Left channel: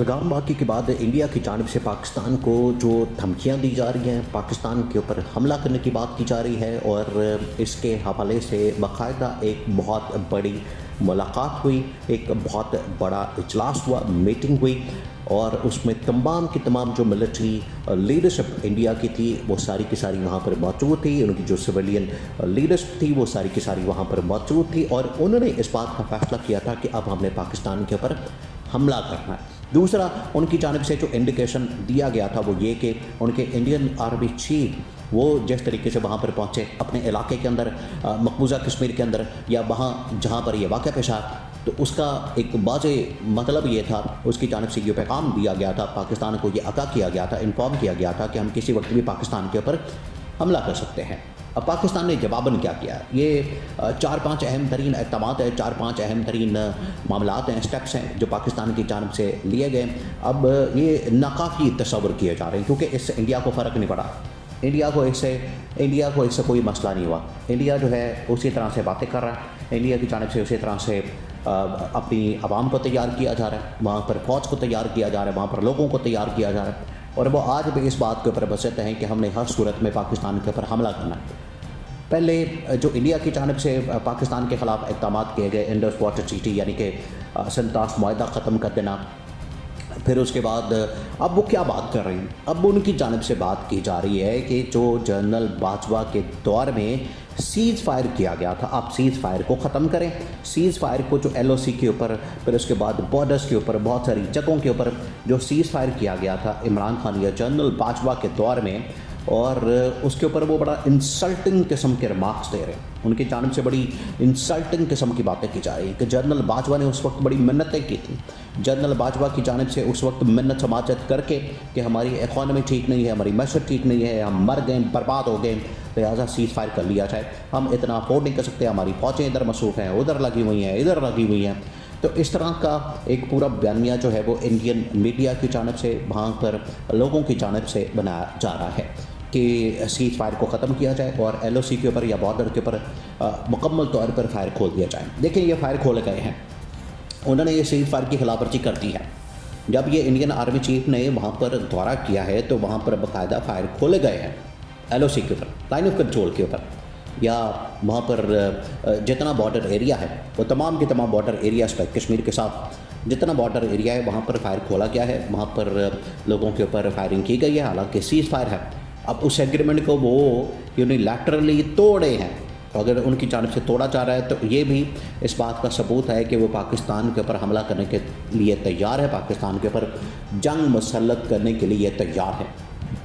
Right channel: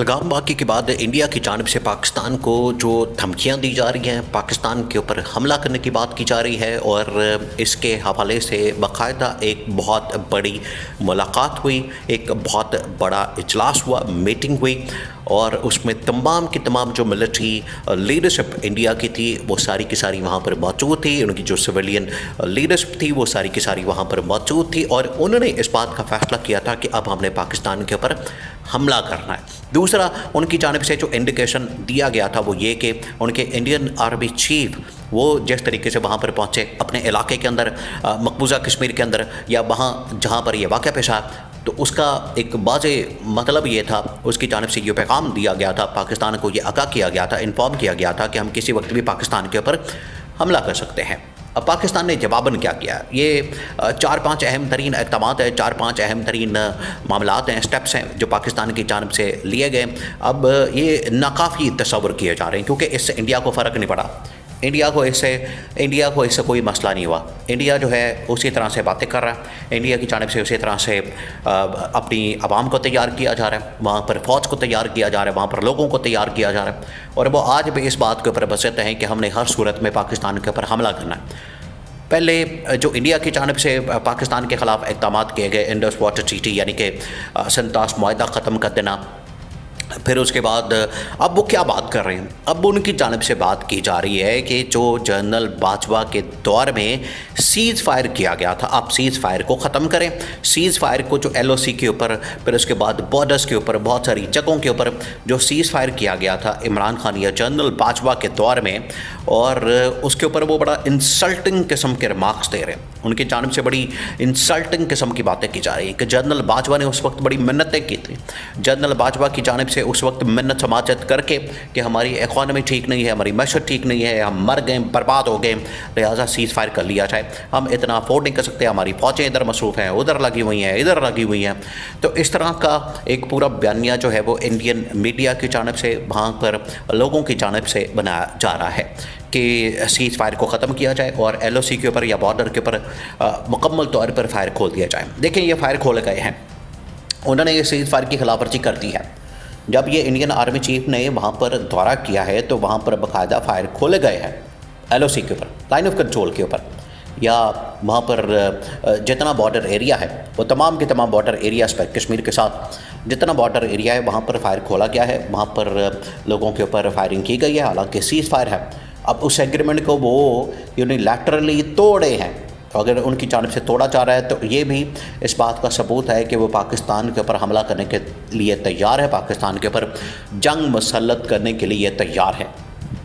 पहलगाम वाक़े के बाद इंडिया की जानिब से पाकिस्तान को जो धमकियाँ दी जा रही हैं, पाकिस्तान के ऊपर हमला करने की बात की जा रही है और इसके हवाले से बाकायदा एक बहुत बड़ी मुलाकात हुई, एक बहुत बड़ा इजलास हुआ, मीटिंग हुई और उसमें तमाम की तमाम जो मिलिट्री लीडरशिप इंडिया की थी वो सारी की सारी वहाँ पर मौजूद थी। उनकी जो सिविलियन लीडरशिप थी वो सारी की सारी वहाँ पर मौजूद थी और उन्होंने इस बात का फैसला किया था कि अब हमने पाकिस्तान के ऊपर हमला करना है। दूसरा, उनकी जानिब से जो इंडिकेशन दिया गया था वो ये कि उनके इंडियन आर्मी चीफ वो जिस तरीके से वहाँ पर पहुँचे अपने इलाके के अंदर, मकबूजा कश्मीर के अंदर या वहाँ जहाँ पर ये वाक़या पेश आया, तो उसका एक वाज़े मतलब ये था, उसकी जानिब से ये पैगाम दिया गया था, पाकिस्तान को ये आगाह किया गया था, इन्फॉर्म किया गया था कि हम किसी वक्त भी पाकिस्तान के ऊपर हमला कर सकते हैं। अब पाकिस्तान ने जवाबन क्या किया? ये 4-5 अहम तरीन इक़दामात है, 4-5 अहम तरीन मामलात हैं, स्टेप्स हैं जो पाकिस्तान की जानिब से लिए गए। अब ये नाकाफ़ी तस्वुर किए जा रहे हैं क्योंकि इससे इंडिया को फ़र्क नहीं पड़ा। इंडिया को इससे कोई मसला नहीं हुआ। इंडिया जो है उसी तरह से बातें कर रहा है, इंडिया की जानिब से उसी तरह से अपनी आवाम को तैयार किया जा रहा है, वहाँ पर फ़ौज को तैयार किया जा रहा है, वहाँ पर लोगों को तैयार किया जा रहा है और वो आज भी इस बात के ऊपर बसत हैं कि हमने हर सूरत में पाकिस्तान के ऊपर हमला करना है। पहले जो इंडिया की जानिब से पाकिस्तान के ख़िलाफ़ इक़दाम किए गए, इंडस वाटर ट्रीटी यानी कि सनतास मुआहदा ख़त्म कर देना, फिर उसके बाद अब वो क्या बात कर रहे हैं? अब उनकी जानिब से बात की जा रही है कि जो जनरल बाजवा के दौर में सीज़ फायर किया गया था, आप सीज़ फायर को ख़त्म करें। सीज़ फायर को जो LOC के ऊपर, फिर उसके बाद बॉर्डर्स के ऊपर, बहुत सारी जगहों के ऊपर जो सीज़ फायर किया गया था इमरान खान या जनरल बाजवा के दौर में, और उसके ऊपर वो बड़ा इंसल्टिंग किस्म के रिमार्क्स दे रहे हैं। उनकी जानिब से बड़ी इंसल्टिंग किस्म की बातें की जा रही हैं कि जनरल बाजवा ने उस वक्त बड़ी मिन्नतें की थी। जनरल बाजवा की जानिब से उस वक्त मिन्नत समाजत करके कि हमारी इकॉनमी ठीक नहीं है, हमारी मैशत ठीक नहीं है, हम मर गए, बर्बाद हो गए, लिहाजा सीज़ फायर कर लिया जाए, हम इतना अफोर्ड नहीं कर सकते, हमारी फ़ौजें इधर मसरूफ़ हैं, उधर लगी हुई हैं, इधर लगी हुई हैं। तो इस तरह का एक पूरा बयानिया जो है वो इंडियन मीडिया की जानिब से, वहाँ पर लोगों की जानिब से बनाया जा रहा है कि सीज़ फायर को ख़त्म किया जाए और LOC के ऊपर या बॉर्डर के ऊपर मुकम्मल तौर पर फायर खोल दिया जाए। देखें, ये फायर खोले गए हैं, उन्होंने ये सीज़ फायर की खिलाफवर्जी कर दी है। जब ये इंडियन आर्मी चीफ ने वहाँ पर दौरा किया है तो वहाँ पर बाकायदा फायर खोले गए हैं LOC के ऊपर, लाइन ऑफ कंट्रोल के ऊपर, या वहाँ पर जितना बॉर्डर एरिया है वो तमाम के तमाम बॉर्डर एरियाज़ पर, कश्मीर के साथ जितना बॉर्डर एरिया है वहाँ पर फायर खोला गया है, वहाँ पर लोगों के ऊपर फायरिंग की गई है, हालांकि सीज़ फायर है। अब उस एग्रीमेंट को वो यूनिलैटरली तोड़े हैं, अगर उनकी जानिब से तोड़ा जा रहा है तो ये भी इस बात का सबूत है कि वो पाकिस्तान के ऊपर हमला करने के लिए तैयार है, पाकिस्तान के ऊपर जंग मसल्लत करने के लिए तैयार है।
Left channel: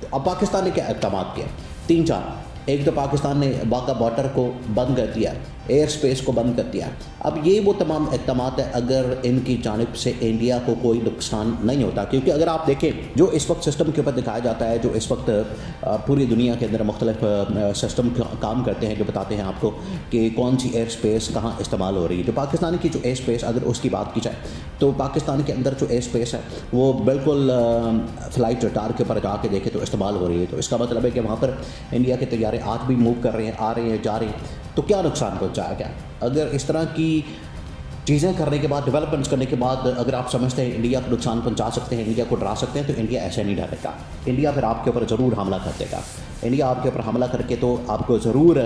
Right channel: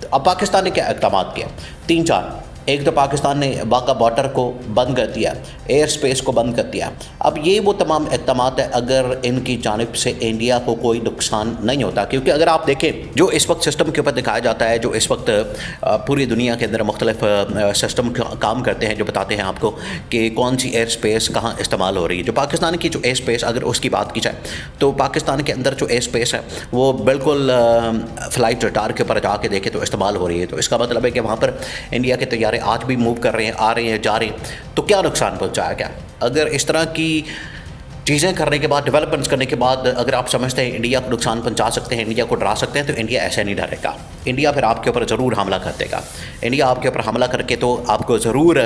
तो अब पाकिस्तान ने क्या इक़दाम किया? 3-4। एक तो पाकिस्तान ने वाक़ा बॉर्डर को बंद कर दिया, एयर स्पेस को बंद कर दिया। अब ये वो तमाम इक़दाम है अगर इनकी जानिब से इंडिया को कोई नुकसान नहीं होता, क्योंकि अगर आप देखें जो इस वक्त सिस्टम के ऊपर दिखाया जाता है, जो इस वक्त पूरी दुनिया के अंदर मुख्तलिफ सिस्टम काम करते हैं जो बताते हैं आपको कि कौन सी एयर स्पेस कहाँ इस्तेमाल हो रही है। जो पाकिस्तान की जो एयर स्पेस, अगर उसकी बात की जाए तो पाकिस्तान के अंदर जो एयर स्पेस है वो बिल्कुल फ़्लाइट रडार के ऊपर जाके देखें तो इस्तेमाल हो रही है। तो इसका मतलब है कि वहाँ पर इंडिया के तैयारे आज भी मूव कर रहे हैं, आ रहे हैं, जा रहे हैं। तो क्या नुकसान पहुंचाया गया? अगर इस तरह की चीज़ें करने के बाद, डेवलपमेंट्स करने के बाद अगर आप समझते हैं इंडिया को नुकसान पहुंचा सकते हैं, इंडिया को डरा सकते हैं, तो इंडिया ऐसे नहीं डरेगा। इंडिया फिर आपके ऊपर ज़रूर हमला कर देगा। इंडिया आपके ऊपर हमला करके तो आपको ज़रूर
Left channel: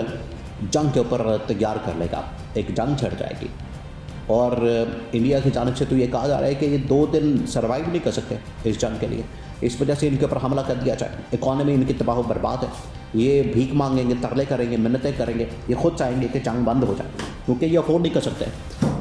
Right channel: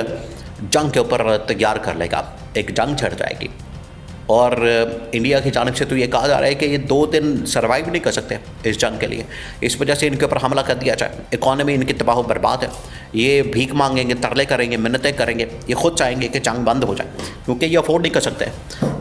जंग के ऊपर तैयार कर लेगा, एक जंग छिड़ जाएगी। और इंडिया की जानिब से तो ये कहा जा रहा है कि ये 2 दिन सर्वाइव नहीं कर सकते इस जंग के लिए, इस वजह से इनके ऊपर हमला कर दिया जाए। इकॉनमी इनकी तबाह बर्बाद है, ये भीख मांगेंगे, तरले करेंगे, मिन्नतें करेंगे, ये खुद चाहेंगे कि जंग बंद हो जाए क्योंकि ये अफोर्ड नहीं कर सकते।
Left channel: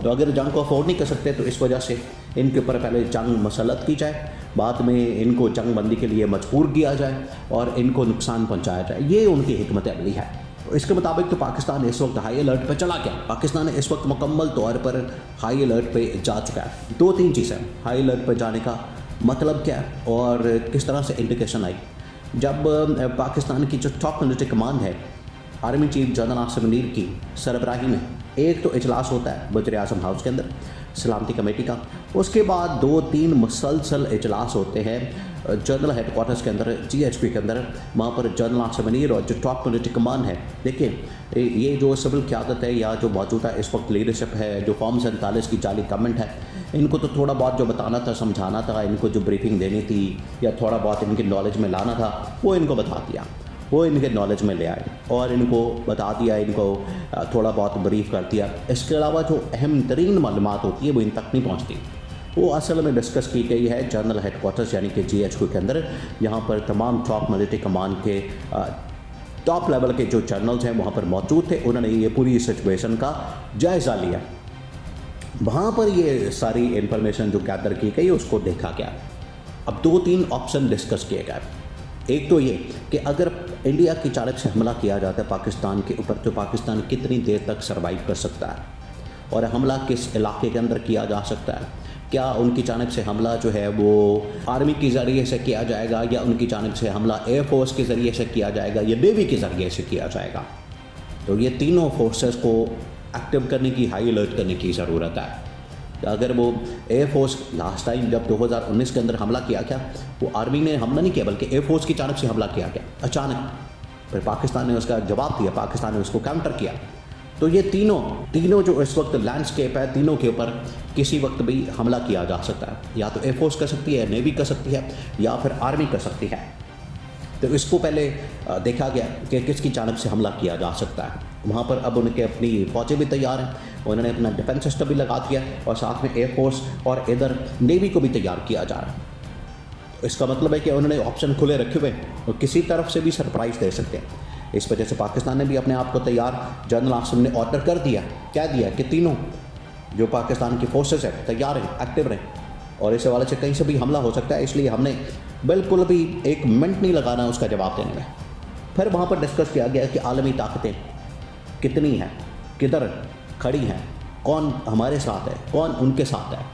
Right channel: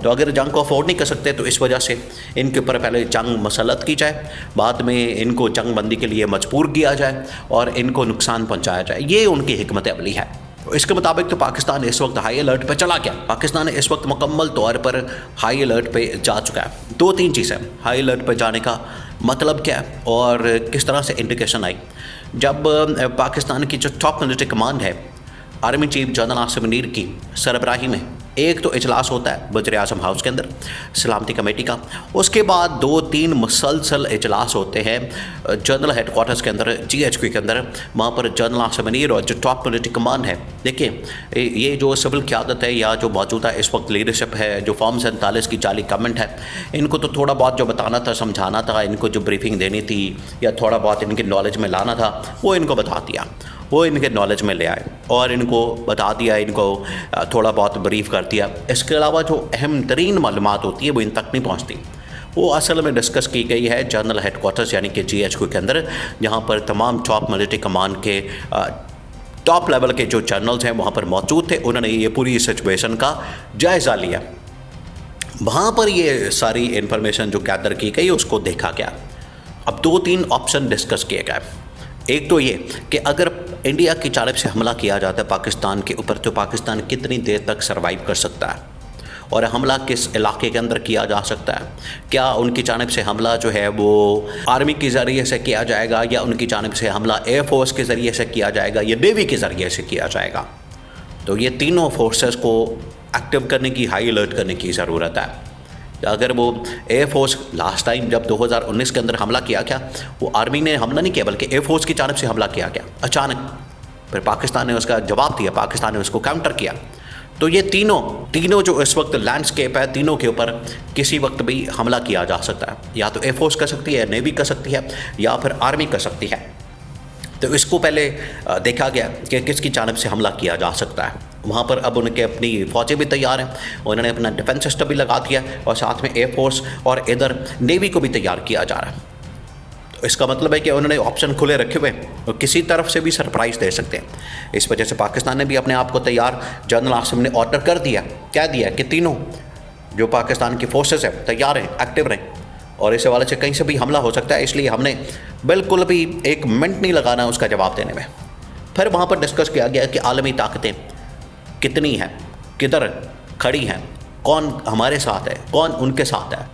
तो अगर जंग को अफोर्ड नहीं कर सकते तो इस वजह से इनके ऊपर पहले जंग मसलत की जाए, बाद में इनको जंग बंदी के लिए मजबूर किया जाए और इनको नुकसान पहुँचाया जाए। ये उनकी हिकमत अमली है। इसके मुताबिक तो पाकिस्तान इस वक्त हाई अलर्ट पे चला गया। पाकिस्तान इस वक्त मुकम्मल तौर पर हाई अलर्ट पे जा चुका है। 2-3 चीज़ें, हाई अलर्ट पे जाने का मतलब क्या है और किस तरह से इंडिकेशन आई। जब पाकिस्तान की जो टॉप मिलिट्री कमांड है, army chief general Asim Munir की सरबराही में एक तो इजलास होता है वज़ीर आज़म हाउस के अंदर सलामती कमेटी का, उसके बाद 2-3 मुसलसल इजलास होते हैं जनरल हेडक्वार्टर्स के अंदर, GHQ के अंदर। वहाँ पर जनरल आसिम मुनीर और जो टॉप पॉलिटिकल कमान है, देखिए ये जो सिविल क़यादत है या जो मौजूदा इस वक्त लीडरशिप है, जो फॉर्म 47 की जाली गवर्नमेंट है, इनको तो थोड़ा बहुत जो बताना था, समझाना था, इनको जो ब्रीफिंग देनी थी या थोड़ा बहुत इनके नॉलेज में लाना था, वो इनको बता दिया, वो इनके नॉलेज में ले आए और इनको बता दिया, इनको थोड़ा बहुत ब्रीफ कर दिया। इसके अलावा जो अहम तरीन मालूमात होती है वो इन तक नहीं पहुँचती। वो असल में डिस्कस की गई है जनरल हेडक्वार्टर्स यानी कि GHQ के अंदर, जहाँ पर तमाम टॉप मिलिट्री कमान के टॉप लेवल के जो जनरल्स हैं वहाँ पर मौजूद थे। उन्होंने ये पूरी सिचुएशन का जायज़ा लिया। वहाँ पर ये सारी इन्फॉर्मेशन जो गैदर की गई उसको देखा गया। अब 2-3 ऑप्शन डिस्कस किए गए। एक तो ये कि अगर इंडिया की जानिब से हमला किया जाता है पाकिस्तान के ऊपर, तो पाकिस्तान कितनी देर तक सर्वाइव कर सकता है और हमला किस इलाके के अंदर किया जा सकता है। क्या उनकी जानिब से हमला जो है वो आर्मी के ज़रिए से किया जाएगा या उनकी जानिब से हमला एयरफोर्स के ज़रिए से किया जाएगा या नेवी के ज़रिए से किया जाएगा। तो ये तीनों फोर्सेस को एक्टिव करने की, हाई अलर्ट करने की ज़रूरत है। अगर वो एयरफोर्स लास्ट टाइम जब 2019 के अंदर हमला किया गया, वो आर्मी ने हमला नहीं किया बल्कि एयरफोर्स की जानिब से हमला किया गया अचानक, फिर पाकिस्तान ने उसका जवाब दिया, पाकिस्तान ने उसको काउंटर किया। तो ये तीनों जो इस वक्त लैंडस्केप है, तीनों के ऊपर किसी वक्त भी हमला किया जा सकता है। या तो एयरफोर्स कर सकती है, नेवी कर सकती है या फिर आर्मी कर सकती है। तो इसको पहले देखा गया कि किसकी जानिब से हमला किया जा सकता है। वहाँ पर अब उनके अपनी फ़ौजें भी तैयार हैं, उन्होंने अपना डिफेंस सिस्टम भी लगा दिया और साथ में एयरफोर्स और इधर नेवी को भी तैयार किया जा रहा है। तो इसका मतलब है कि उन्होंने ऑप्शन खुले रखे हुए हैं और किसी तरफ से भी सरप्राइज़ दे सकते हैं। इस वजह से पाकिस्तान ने भी अपने आप को तैयार, जनरल आसिम ने ऑर्डर कर दिया, कह दिया कि तीनों जो पाकिस्तान की फोर्सेस हैं तैयार हैं, एक्टिव रहें और इस हवाले से कहीं से भी हमला हो सकता है, इसलिए हमने बिल्कुल भी एक मिनट नहीं लगाना उसका जवाब देने में। फिर वहाँ पर डिस्कस किया गया कि आलमी ताकतें कितनी हैं, किधर खड़ी हैं, कौन हमारे साथ है, कौन उनके साथ है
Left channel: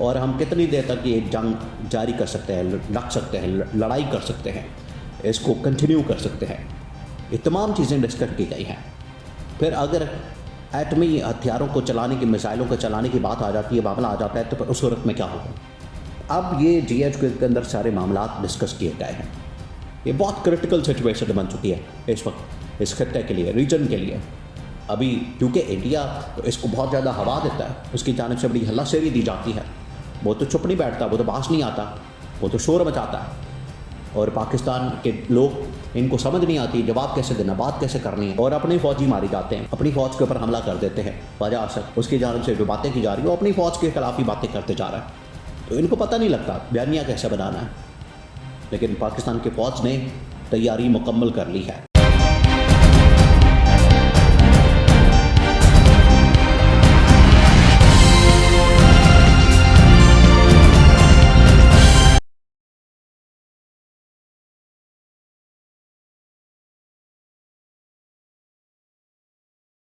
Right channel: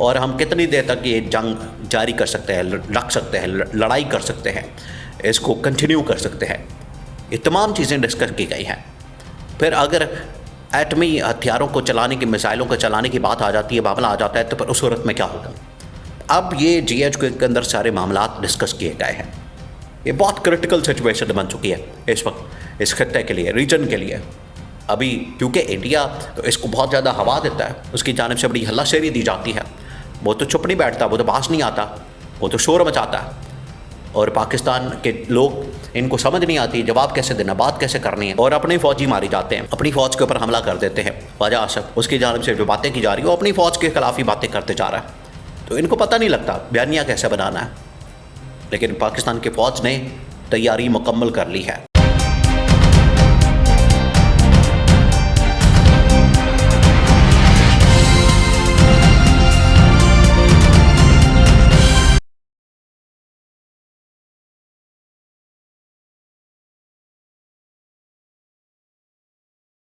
और हम कितनी देर तक ये जंग जारी कर सकते हैं, रख सकते हैं, लड़ाई कर सकते हैं, इसको कंटिन्यू कर सकते हैं। ये तमाम चीज़ें डिस्कस की गई हैं। फिर अगर एटमी हथियारों को चलाने की, मिसाइलों को चलाने की बात आ जाती है, मामला आ जाता है, तो फिर उस सूरत में क्या होगा। अब ये GHQ के अंदर सारे मामला डिस्कस किए गए हैं। ये बहुत क्रिटिकल सिचुएशन बन चुकी है इस वक्त इस खत्ते के लिए, रीजन के लिए। अभी क्योंकि इंडिया तो इसको बहुत ज़्यादा हवा देता है, उसकी जानिब से बड़ी हल्लाशेरी दी जाती है, वो तो चुप नहीं बैठता, वो तो बास नहीं आता, वो तो शोर मचाता है। और पाकिस्तान के लोग, इनको समझ नहीं आती जवाब कैसे देना, बात कैसे करनी है, और अपनी फ़ौजी मारी जाते हैं, अपनी फ़ौज के ऊपर हमला कर देते हैं। ख्वाजा आसिफ उसकी जानिब से जो बातें की जा रही है वो अपनी फ़ौज के खिलाफ ही बातें करते जा रहा है। तो इनको पता नहीं लगता बयानिया कैसे बनाना है, लेकिन पाकिस्तान की फ़ौज ने तैयारी मुकम्मल कर ली है।